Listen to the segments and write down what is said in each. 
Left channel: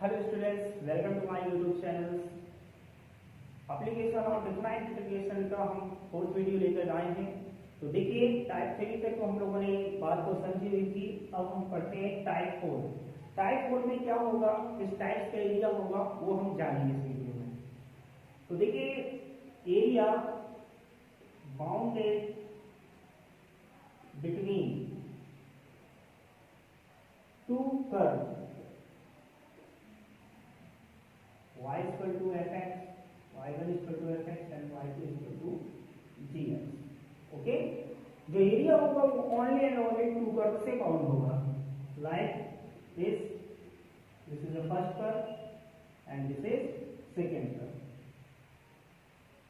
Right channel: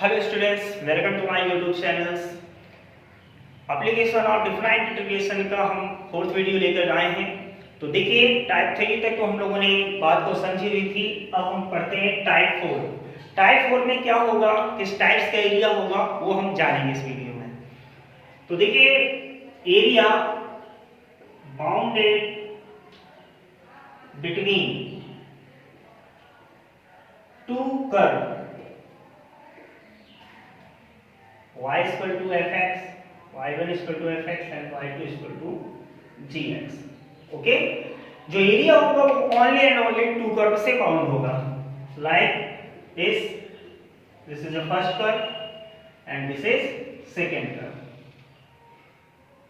Hello students, welcome to my YouTube channels. Application of different integration का हम fourth video लेकर आए हैं। तो देखिए, टाइप 3 तक तो हम लोगों ने बात को समझी हुई थी। अब हम पढ़ते हैं टाइप 4। टाइप 4 में क्या होगा, किस टाइप्स का एरिया होगा, वो हम जानेंगे इस वीडियो में। तो देखिए, area bounded between two curve y is equal to fx, y1 is equal to fx and y2 is equal to gx। Okay, जो एरिया होगा वो only and only two curve से बाउंड होगा। Like this is the first curve and this is second curve.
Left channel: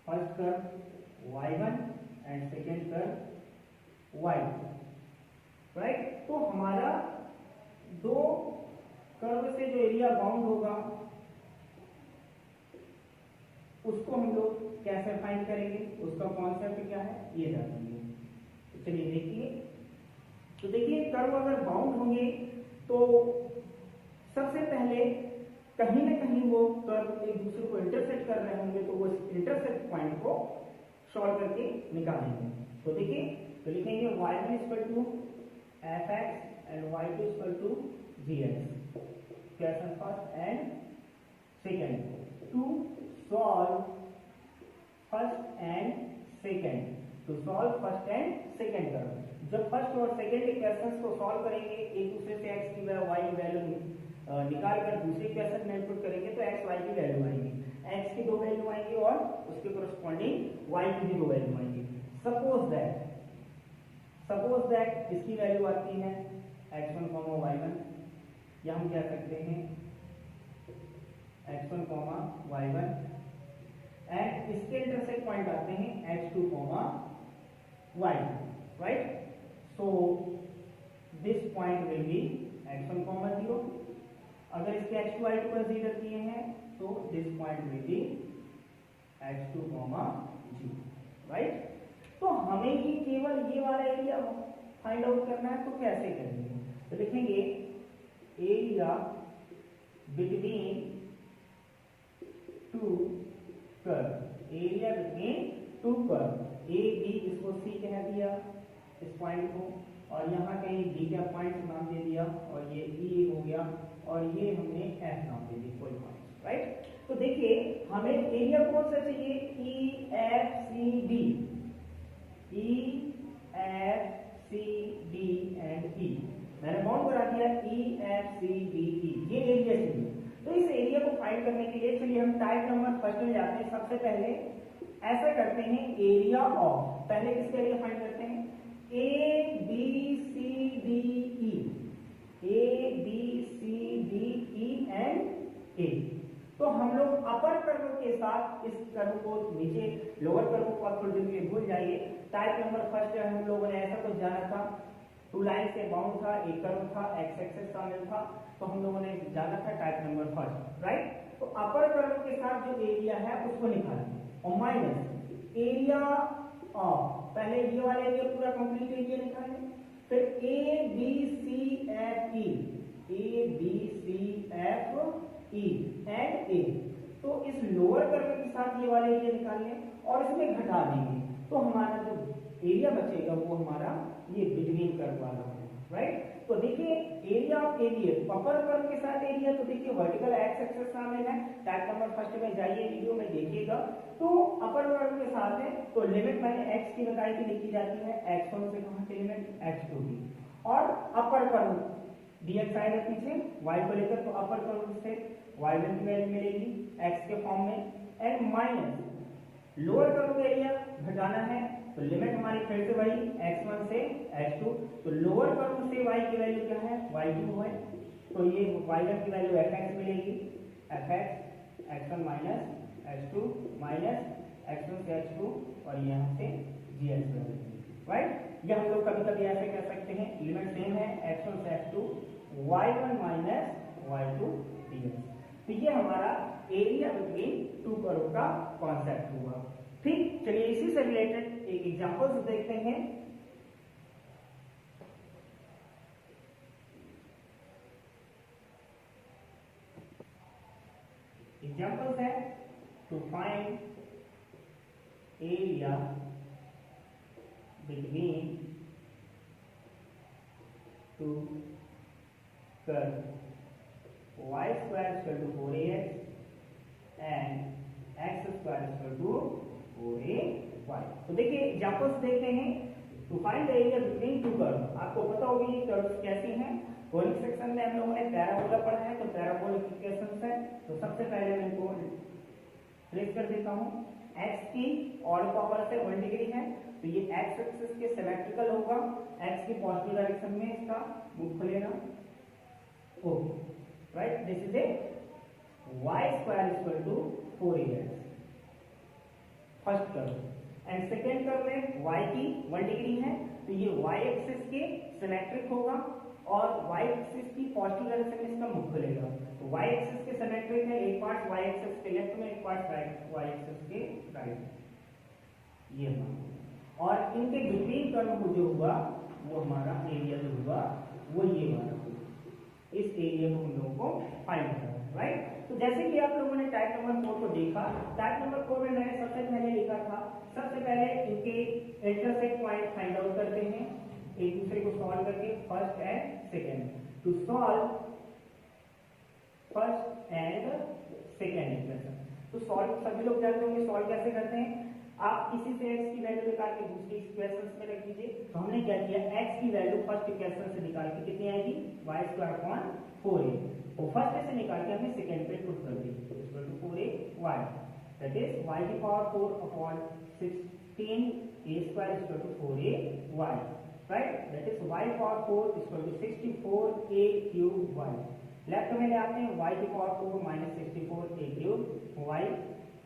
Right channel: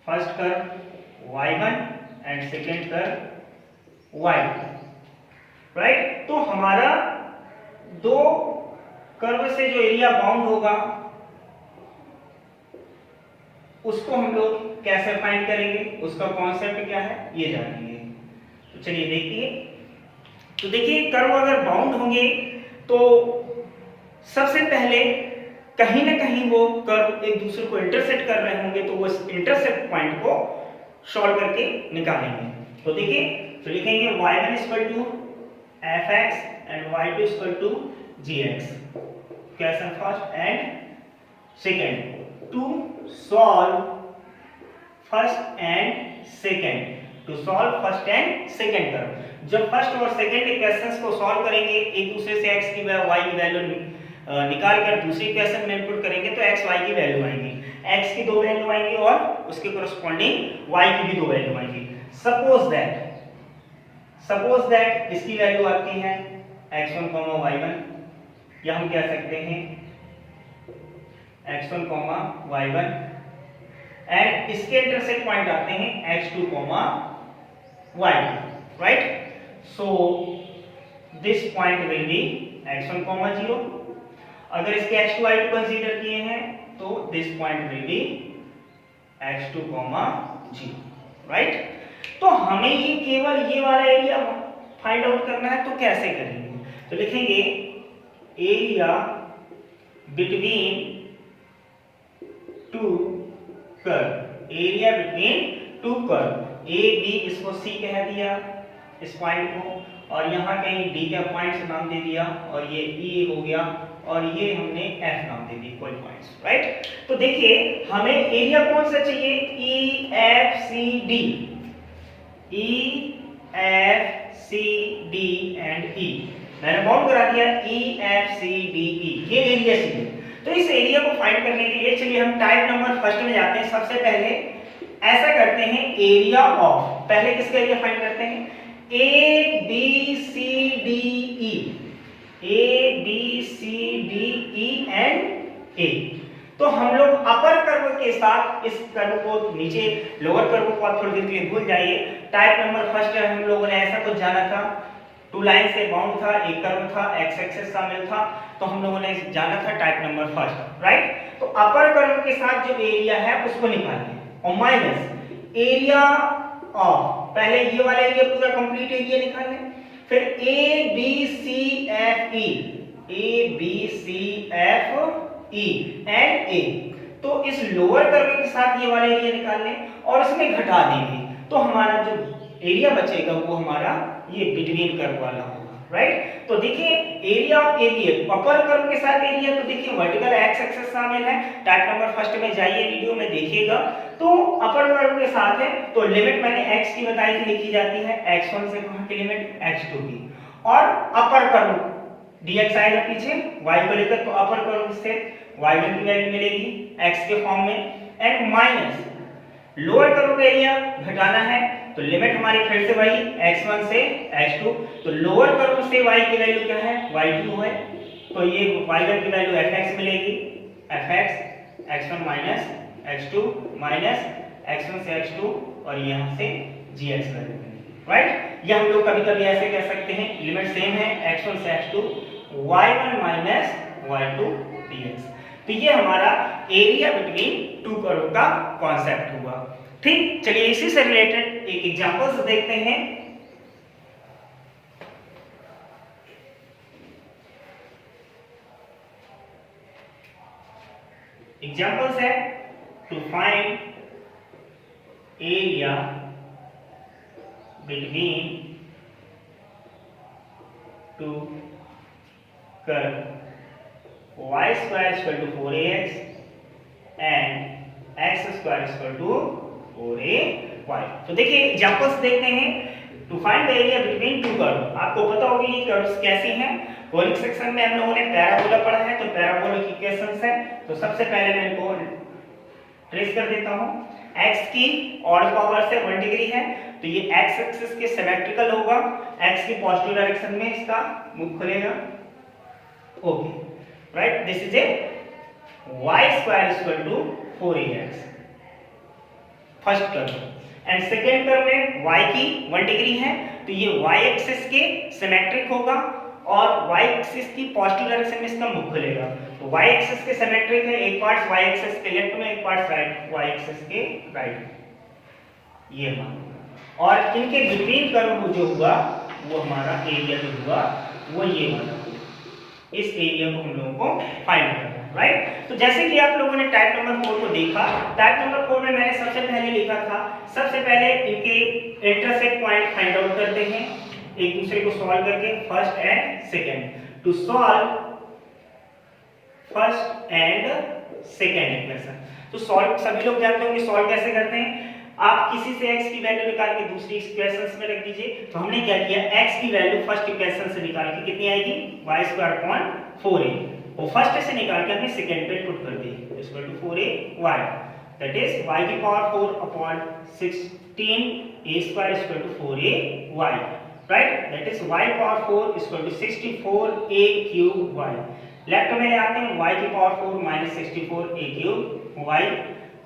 First curve y1 and second curve y2, right. तो हमारा दो curve से जो एरिया बाउंड होगा उसको हम लोग कैसे फाइंड करेंगे, उसका कॉन्सेप्ट क्या है ये जानेंगे। तो चलिए देखिए। तो देखिए, कर्व अगर बाउंड होंगे तो सबसे पहले कहीं ना कहीं वो कर्व एक दूसरे को इंटरसेक्ट कर रहे होंगे, तो वो इस इंटरसेक्ट पॉइंट को सॉल्व करके निकालेंगे। तो देखिए, तो लिखेंगे y1 = fx and y2 = gx। Question first and second to solve first and second term। जब फर्स्ट और सेकेंड इक्वेशंस को सॉल्व करेंगे, एक दूसरे से x की y की वैल्यू निकाल कर दूसरी इक्वेशन में इनपुट करेंगे तो x y की वैल्यू आएंगी, x की दो वैल्यू आएंगी और उसके कोरस्पॉन्डिंग y की भी दो वैल्यू आएंगी। सपोज दैट इसकी वैल्यू आती है x1, y1, या हम कह सकते हैं x1, y1 एंड इसके इंटरसेक्ट पॉइंट आते हैं x2, y2, right. So this point will be x1, 0। अगर इसके x2, y2 कंसीडर किए हैं तो this point will be x2, 0, right. तो हमें ये केवल ये वाला एरिया फाइंड आउट करना है, तो कैसे करेंगे? तो लिखेंगे area between two curve, area between two curve. A B इसको सी कह दिया इस पॉइंट को, और यहाँ कहीं डी का पॉइंट नाम दे दिया, और ये ई हो गया, और ये हमने एफ नाम दे दी, कोई पॉइंट्स, राइट। तो देखिए, हमें एरिया कौन सा चाहिए? E F C D, E F C D and E. मैंने बाउंड करा दिया ई एफ सी डी ई, ये एरिया चाहिए। तो इस एरिया को फाइंड करने के लिए चलिए हम टाइप नंबर फर्स्ट में जाते हैं। सबसे पहले ऐसा करते हैं, एरिया ऑफ, पहले किसका एरिया फाइंड करते हैं? A B C D E, A B C D E and A. तो हम लोग अपर कर्व के साथ इस कर्व को, नीचे लोअर कर्व को आप थोड़ी देर के लिए भूल जाइए। टाइप नंबर फर्स्ट हम लोगों ने ऐसा कुछ जाना था, टू लाइन से बाउंड था, एक कर्व था, एक्स एक्सिस शामिल था, तो हम लोगों ने जाना था टाइप नंबर फर्स्ट, राइट। तो अपर कर्व के साथ जो एरिया है उसको निकालिए, और माइनस एरिया ऑफ, पहले ये वाला एरिया पूरा कंप्लीट एरिया निकालें, फिर A B C F E, A B C F E and A. तो इस लोअर कर्व के साथ ये वाला एरिया निकाल लें और इसमें घटा देंगे, तो हमारा जो एरिया बचेगा वो हमारा ये बिटवीन कर्व वाला होगा, राइट। तो देखिए, area of area upper curve के साथ एरिया, तो देखिए वर्टिकल एक्स एक्सिस शामिल है। टाइप नंबर फर्स्ट में जाइए, वीडियो में देखिएगा। तो अपर कर्व के साथ है, तो लिमिट मैंने x की बताई थी, लिखी जाती है x1 से कहां की लिमिट x2 की, और अपर कर्व dx आएगा पीछे y को लेकर, तो अपर कर्व से y1 की वैल्यू मिलेगी x के फॉर्म में, एंड माइनस लोअर कर्व का एरिया घटाना है, तो लिमिट हमारी फिर से वही x1 से x2। तो लोअर कर्व से y की वैल्यू क्या है? y2 है, तो ये y1 की वैल्यू fx मिलेगी, fx x1 minus x2 minus x1 से x2, और यहाँ से gx वैल्यू मिलेगी, राइट। ये हम लोग कभी कभी ऐसे कह सकते हैं, लिमिट सेम है x1 से x2, y1 minus y2 dx। तो ये हमारा एरिया बिटवीन टू कर्व का कॉन्सेप्ट हुआ, ठीक। चलिए इसी से रिलेटेड एक एग्जांपल से देखते हैं। एग्जांपल्स है to find area between two curve y square is equal to 4ax and x square is equal to 4ay। तो देखिए एग्जांपल्स देखते हैं। To find the area between two curve, आपको पता होगी ये कर्व्स कैसे हैं। कोनिक सेक्शन में हम लोगों ने पैराबोला पढ़ा है, तो पैराबोला की इक्वेशंस है। तो सबसे पहले मैं इनको ट्रेस कर देता हूं। x की ऑड पावर से 1 डिग्री है, तो ये x एक्सिस के सिमेट्रिकल होगा। x की पॉजिटिव डायरेक्शन में इसका मुख खुलेगा। Okay right, this is a y square is equal to 4ax first curve. And second curve में y की 1 डिग्री है, तो ये y एक्सिस के सिमेट्रिक होगा और y एक्सिस की पॉजिटिव डायरेक्शन में इसका मुख खुलेगा। तो y एक्सिस के सिमेट्रिक है, एक पार्ट y एक्सिस के लेफ्ट में, एक पार्ट राइट y एक्सिस के राइट, ये हमारा। और इनके बिटवीन कर्व जो हुआ वो हमारा एरिया जो हुआ वो ये वाला। इस एरिया को हम लोगों को फाइंड करना है, राइट। तो जैसे कि आप लोगों ने टाइप नंबर 4 को देखा, टाइप नंबर 4 में मैंने सबसे पहले लिखा था, सबसे पहले इनके इंटरसेक्ट पॉइंट फाइंड आउट करते हैं एक दूसरे को सॉल्व करके, first and second. To solve first and second equation, तो सॉल्व सभी लोग जानते होंगे सॉल्व कैसे करते हैं। आप किसी से x की वैल्यू निकाल के दूसरी इक्वेशंस में रख दीजिए। तो हमने क्या किया, x की वैल्यू फर्स्ट इक्वेशन से निकाल के कितनी आएगी, y² 4a, और फर्स्ट से निकाल के हमने सेकंड पे पुट कर दी, equal to 4ay, that is y की power 4 upon 16a² equal to 4ay, right, that is y power 4 equal to 64a³ y। Left में ले आते हैं, y की power 4 minus 64a³ y,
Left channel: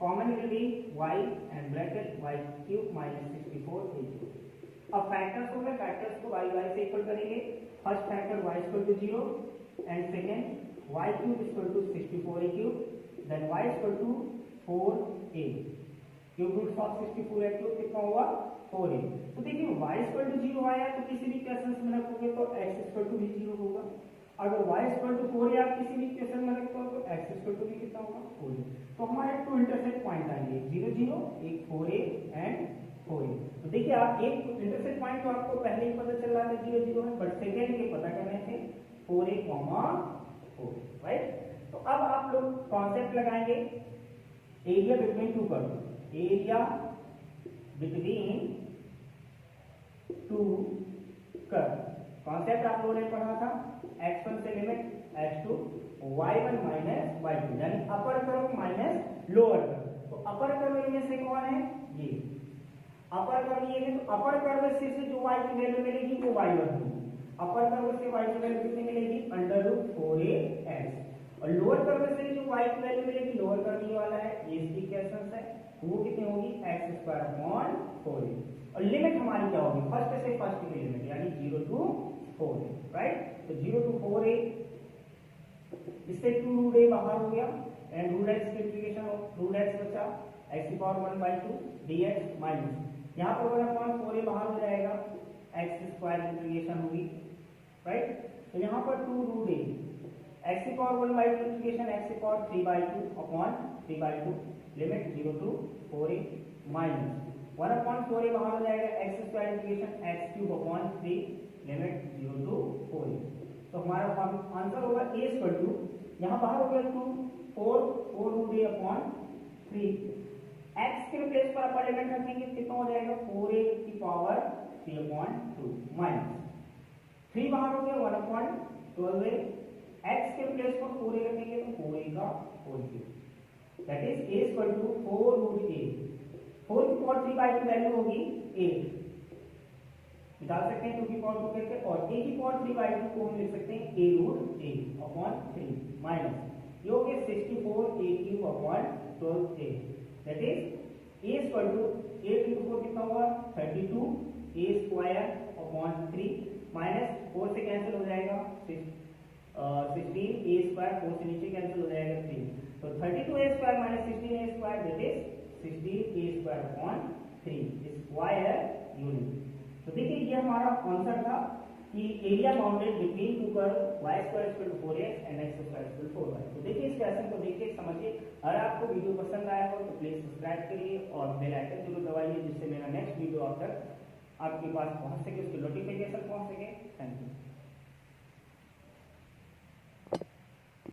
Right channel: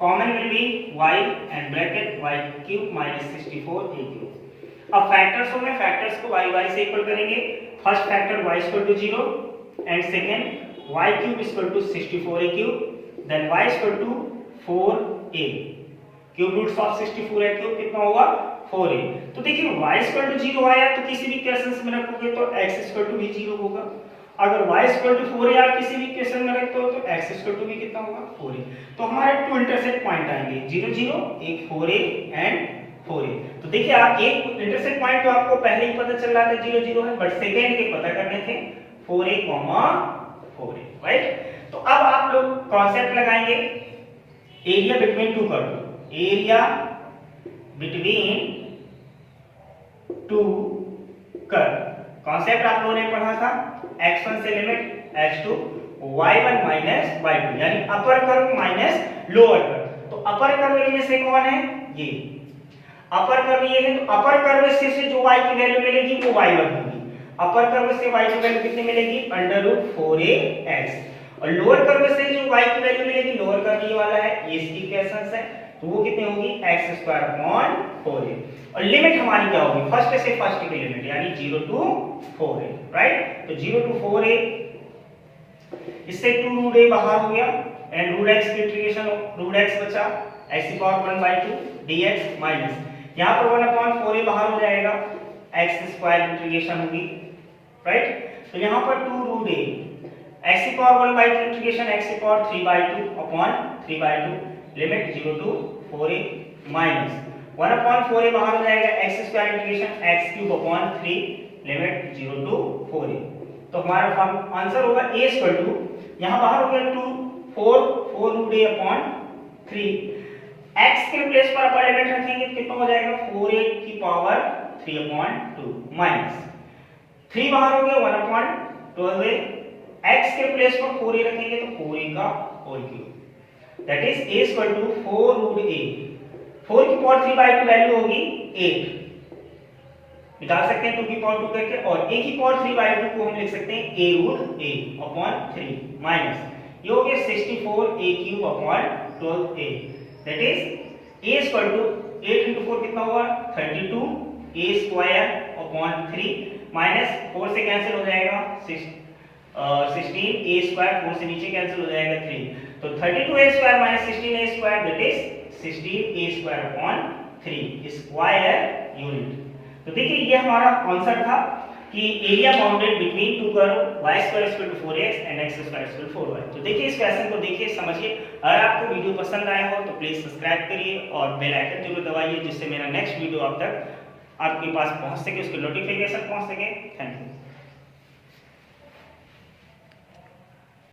common will be y and bracket y³ minus 64a³। अब factors होंगे, factors को y से equal करेंगे। First factor y equal to 0 and second y³ equal to 64a³, then y equal to 4a, cube roots of 64a³ कितना होगा 4a। तो देखिए y equal to 0 आया, तो किसी भी इक्वेशन में रखोगे तो x इक्वल टू भी 0 होगा। अगर y इक्वल टू 4a आप किसी भी इक्वेशन में रखते हो तो x इक्वल टू भी कितना होगा 4a। तो हमारे टू इंटरसेक्ट पॉइंट आएंगे 0 0, एक 4a एंड 4a। तो देखिए आप एक इंटरसेक्ट पॉइंट तो आपको पहले ही पता चल रहा था 0 0 है, बट सेकंड के पता करने थे 4a 4a, राइट। तो अब आप लोग कॉन्सेप्ट लगाएंगे area between two curve, area between two curve. Concept आप लोगों ने पढ़ा था, x1 से limit x2 y1 minus y2, यानी upper curve minus lower curve. तो अपर कर्व इनमें से कौन है, ये अपर कर्व ये है। तो अपर कर्व से जो y की वैल्यू मिलेगी वो y1 होगी। अपर कर्व से y की वैल्यू कितनी मिलेगी, √4ax। और लोअर कर्व से जो y की वैल्यू मिलेगी, लोअर कर्व ये वाला है, ये इसकी इक्वेशंस है, तो वो कितनी होगी x² 4a। और लिमिट हमारी क्या होगी, फर्स्ट से फर्स्ट की लिमिट, यानी 0 to 4a, राइट। तो 0 to 4a, इससे 2√a बाहर हो गया एंड √x की इंटीग्रेशन, √x बचा x⁴ dx माइनस यहां पर 1/4a बाहर हो जाएगा, x² इंटीग्रेशन होगी, राइट। तो यहां पर 2√a x⁴ integration x⁴3/2 upon 3/2 limit 0 to 4a minus 1/4a बाहर हो जाएगा, x² integration x³ upon 3 limit 0 to 4a। तो हमारा फॉर्म आंसर होगा a इक्वल टू, यहां बाहर हो गया 2 4√a अपॉन 3, x के प्लेस पर अपर लिमिट रखेंगे कितना हो जाएगा 4a की पावर 3/2 माइनस 3 बाहर हो गया 1/12a, x के प्लेस पर 4a रखेंगे तो 4a का whole cube, that is a equal to 4√a। 4 की पावर 3/2 वैल्यू होगी 8, निकाल सकते हैं 2 की पावर 2 करके, और a की पावर 3/2 को हम लिख सकते हैं a√a अपॉन 3 माइनस ये हो गया 64a³ upon 12a, that is a equal to 8 into 4 कितना होगा 32a² अपॉन 3 माइनस 4 से कैंसिल हो जाएगा 16a², 4 से नीचे कैंसिल हो जाएगा 3, तो 32a² minus 16a² that is 16a² upon 3 square unit. तो देखिए ये हमारा आंसर था। कि area bounded between two curve y square equal to 4x and x square equal to 4y। तो देखिए इस क्वेश्चन को, देखिए समझिए। अगर आपको वीडियो पसंद आया हो तो प्लीज सब्सक्राइब करिए और बेल आइकन जरूर दबाइए, जिससे मेरा नेक्स्ट वीडियो आप तक आपके पास पहुंच सके, उसकी नोटिफिकेशन पहुंच सके। Thank you.